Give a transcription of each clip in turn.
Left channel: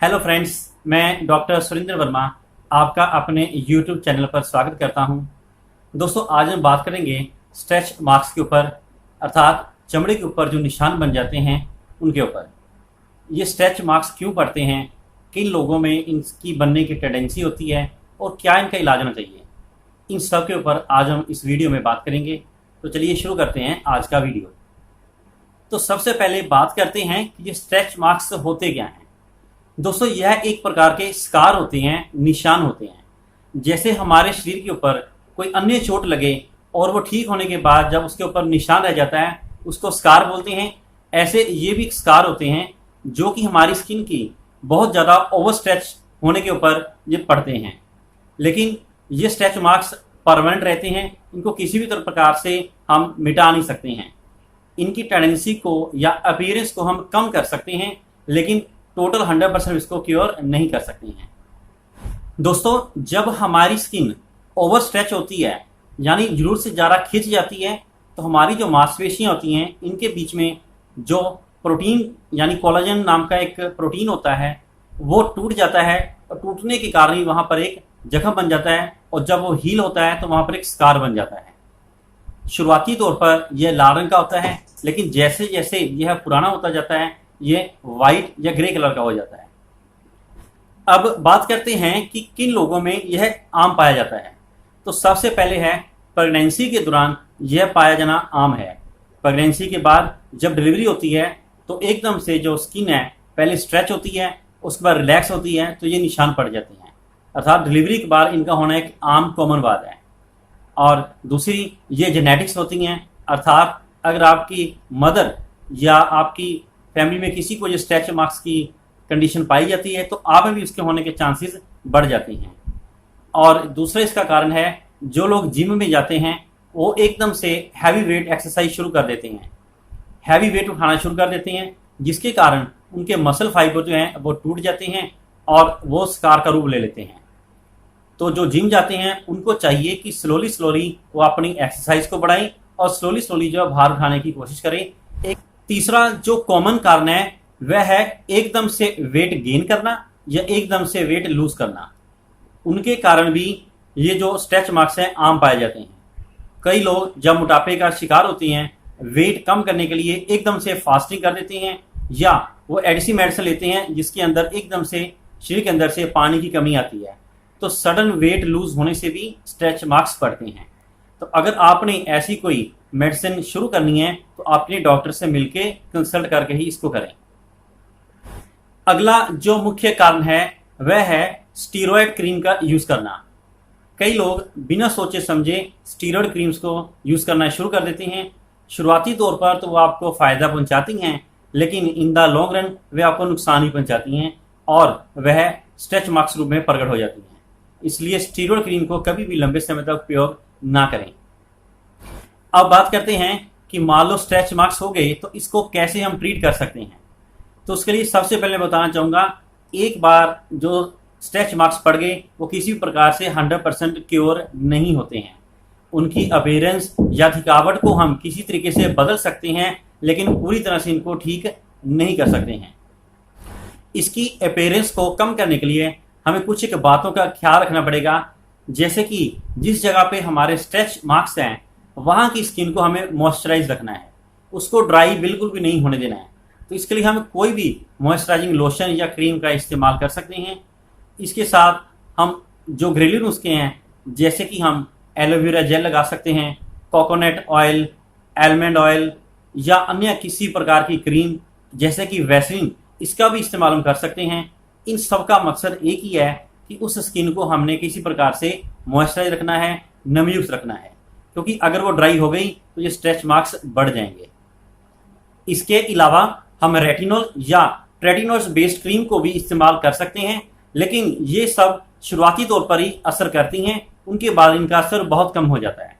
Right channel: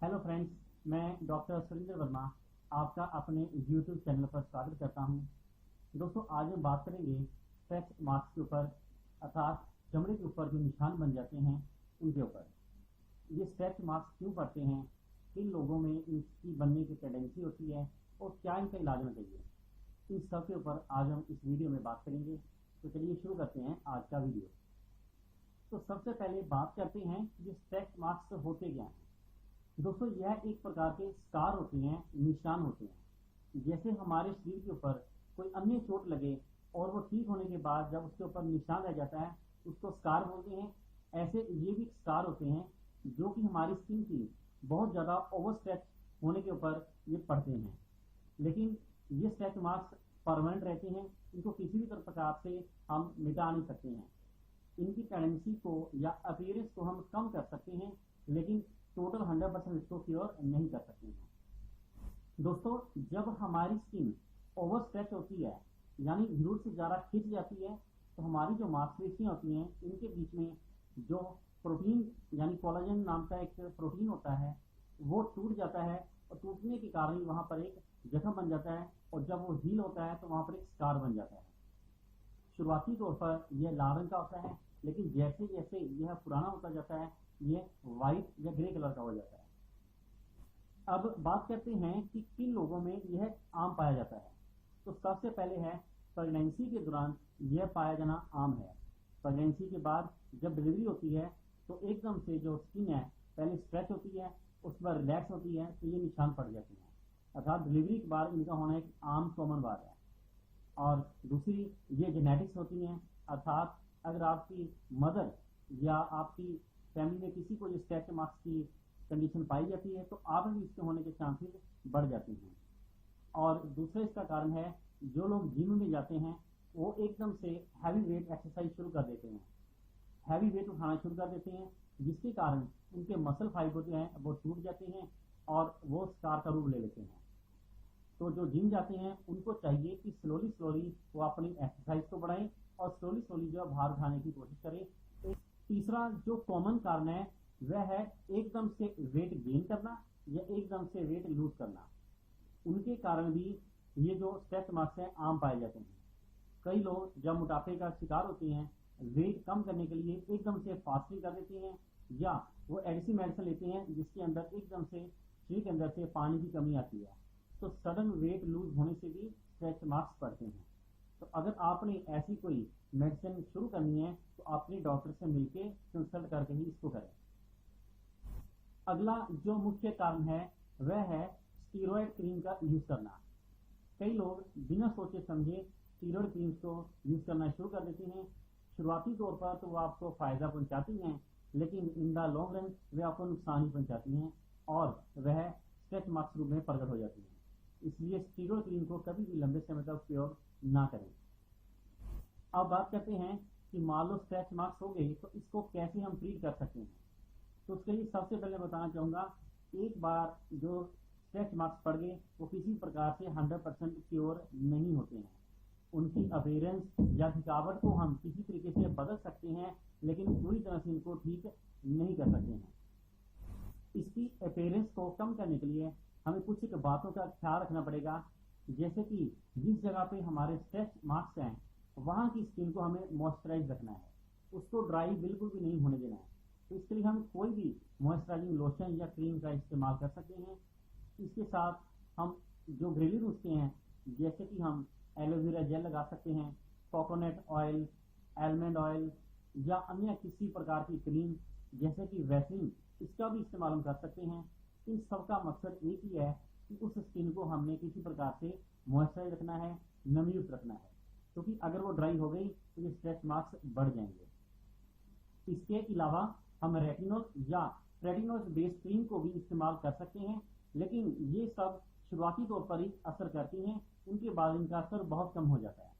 Hello friends, मैं doctor Surendra Verma आपका अपने यूट्यूब चैनल पर स्वागत करता हूं। दोस्तों, आज हम बात करेंगे स्ट्रेच मार्क्स के ऊपर, अर्थात चमड़े के ऊपर जो निशान बन जाते हैं उनके ऊपर। ये स्ट्रेच मार्क्स क्यों पड़ते हैं, किन लोगों में इनकी बनने की टेंडेंसी होती है और क्या इनका इलाज होना चाहिए, इन सब के ऊपर आज हम इस वीडियो में बात करेंगे। तो चलिए शुरू करते हैं आज का वीडियो। तो सबसे पहले बात करते हैं कि ये स्ट्रेच मार्क्स होते क्या हैं। दोस्तों, यह एक प्रकार के स्कार होते हैं, निशान होते हैं। जैसे हमारे शरीर के ऊपर कोई अन्य चोट लगे और वो ठीक होने के बाद जब उसके ऊपर निशान रह जाता है, उसको स्कार बोलते हैं। ऐसे ये भी स्कार होते हैं जो कि हमारी स्किन की बहुत ज़्यादा ओवर स्ट्रेच होने के ऊपर ये पड़ते हैं। लेकिन ये स्ट्रेच मार्क्स परमानेंट रहते हैं, इनको किसी भी प्रकार से हम मिटा नहीं सकते हैं। इनकी टेंडेंसी को या अपीयरेंस को हम कम कर सकते हैं, लेकिन टोटल 100% इसको क्योर नहीं कर सकते हैं। दोस्तों, जब हमारी स्किन ओवर स्ट्रेच होती है, यानी जरूरत से ज़्यादा खिंच जाती है, तो हमारी जो मांसपेशियां होती हैं इनके बीच में जो प्रोटीन यानी कोलाजन नाम का एक प्रोटीन होता है वो टूट जाता है, और टूटने के कारण ही वहाँ पर एक जख्म बन जाता है, और जब वो हील होता है तो वहाँ पर एक स्कार बन जाता है। शुरुआती तौर पर यह लाल रंग का होता है, लेकिन जैसे जैसे यह पुराना होता जाता है ये वाइट या ग्रे कलर का हो जाता है। अब बात करते हैं कि किन लोगों में यह आम पाया जाता है। तो सबसे पहले है प्रेगनेंसी के दौरान यह पाया जाना आम है। प्रेगनेंसी के बाद जब डिलीवरी होती है तो एकदम से जो स्किन है पहले स्ट्रेच होती है, उसके बाद रिलैक्स होती है, तो ये निशान पड़ जाते हैं। अर्थात डिलीवरी के बाद इनका होना एक आम कॉमन बात है। और दूसरी ये जेनेटिक्स होती हैं, अर्थात अगर आपकी मदर या आपकी फैमिली में किसी को ये स्ट्रेच मार्क्स की कंडीशन पाई जाती है तो आप में भी उसके होने के चांसेस बढ़ जाते हैं। और दूसरा इसका कारण है, जो लोग जिम में जाते हैं वो एकदम से हैवी वेट एक्सरसाइज शुरू कर देते हैं, हैवी वेट उठाना शुरू कर देते हैं, जिसके कारण उनके मसल फाइबर जो हैं वो टूट जाते हैं और वो स्कार का रूप ले लेते हैं। तो जो जिम जाते हैं उनको चाहिए कि स्लोली स्लोली वो अपनी एक्सरसाइज को बढ़ाएं और स्लोली स्लोली जो भार उठाने की कोशिश करें। एक तीसरा जो कॉमन कारण है वह है एकदम से वेट गेन करना या एकदम से वेट लूज करना। उनके कारण भी ये जो स्ट्रेच मार्क्स हैं आम पाए जाते हैं। कई लोग जब मोटापे का शिकार होते हैं, वेट कम करने के लिए एकदम से फास्टिंग कर देते हैं, या वो एडिसी मेडिसिन लेते हैं जिसके अंदर एकदम से शरीर के अंदर से पानी की कमी आती है, तो सडन वेट लूज होने से भी स्ट्रेच मार्क्स पड़ते हैं। तो अगर आपने ऐसी कोई मेडिसिन शुरू करनी है तो अपने डॉक्टर से मिलके कंसल्ट करके ही इसको करें। अगला जो मुख्य कारण है वह है स्टीरॉयड क्रीम का यूज करना। कई लोग बिना सोचे समझे स्टीरॉयड क्रीम्स को यूज करना शुरू कर देते हैं। शुरुआती तौर पर तो वो आपको फायदा पहुंचाती हैं, लेकिन इन द लॉन्ग रन वे आपको नुकसान ही पहुंचाती हैं और वह स्ट्रेच मार्क्स रूप में प्रकट हो जाती हैं। इसलिए स्टीरॉयड क्रीम को कभी भी लंबे समय तक उपयोग ना करें। अब बात करते हैं कि मान लो स्ट्रेच मार्क्स हो गए तो इसको कैसे हम ट्रीट कर सकते हैं। तो उसके लिए सबसे पहले बताना चाहूँगा, एक बार जो स्ट्रेच मार्क्स पड़ गए वो किसी भी प्रकार से 100% क्योर नहीं होते हैं। उनकी अपीयरेंस या थकावट को हम किसी तरीके से बदल सकते हैं, लेकिन पूरी तरह से इनको ठीक नहीं कर सकते हैं। इसकी अपीयरेंस को कम करने के लिए हमें कुछ एक बातों का ख्याल रखना पड़ेगा, जैसे कि जिस जगह पे हमारे स्ट्रेच मार्क्स हैं वहाँ की स्किन को हमें मॉइस्चराइज रखना है, उसको ड्राई बिल्कुल भी नहीं होने देना है। तो इसके लिए हम कोई भी मॉइस्चराइजिंग लोशन या क्रीम का इस्तेमाल कर सकते हैं। इसके साथ हम जो घरेलू नुस्खे हैं, जैसे कि हम एलोवेरा जेल लगा सकते हैं, कोकोनट ऑयल, आलमंड ऑयल या अन्य किसी प्रकार की क्रीम जैसे कि वैसलीन, इसका भी इस्तेमाल हम कर सकते हैं। इन सब का मकसद एक ही है कि उस स्किन को हमने किसी प्रकार से मॉइस्चराइज रखना है, नमयुक्त रखना है, क्योंकि अगर वो ड्राई हो गई तो ये स्ट्रेच मार्क्स बढ़ जाएंगे। इसके अलावा हम रेटिनॉल या ट्रेटिनॉल बेस्ड क्रीम को भी इस्तेमाल कर सकते हैं, लेकिन ये सब शुरुआती तौर पर ही असर करती हैं, उनके बाद इनका असर बहुत कम हो जाता है।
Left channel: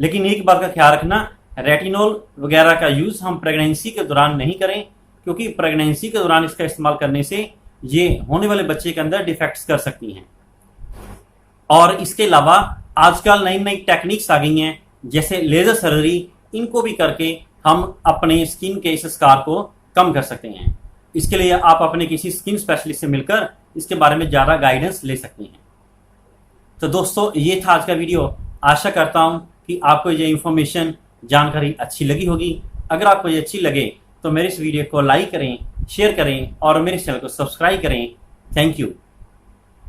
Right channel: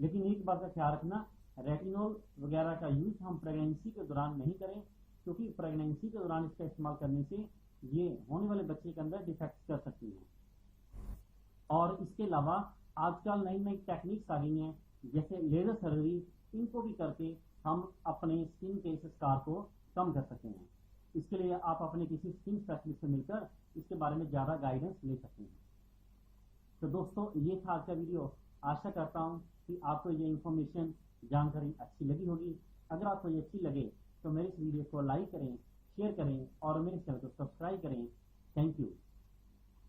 लेकिन एक बात का ख्याल रखना, रेटिनॉल वगैरह का यूज़ हम प्रेगनेंसी के दौरान नहीं करें, क्योंकि प्रेगनेंसी के दौरान इसका इस्तेमाल करने से ये होने वाले बच्चे के अंदर डिफेक्ट्स कर सकती हैं। और इसके अलावा आजकल नई नई टेक्निक्स आ गई हैं, जैसे लेज़र सर्जरी, इनको भी करके हम अपने स्किन के इस स्कार को कम कर सकते हैं। इसके लिए आप अपने किसी स्किन स्पेशलिस्ट से मिलकर इसके बारे में ज़्यादा गाइडेंस ले सकते हैं। तो दोस्तों, ये था आज का वीडियो। आशा करता हूँ कि आपको ये इन्फॉर्मेशन, जानकारी अच्छी लगी होगी। अगर आपको ये अच्छी लगे तो मेरे इस वीडियो को लाइक करें, शेयर करें और मेरे चैनल को सब्सक्राइब करें। Thank you.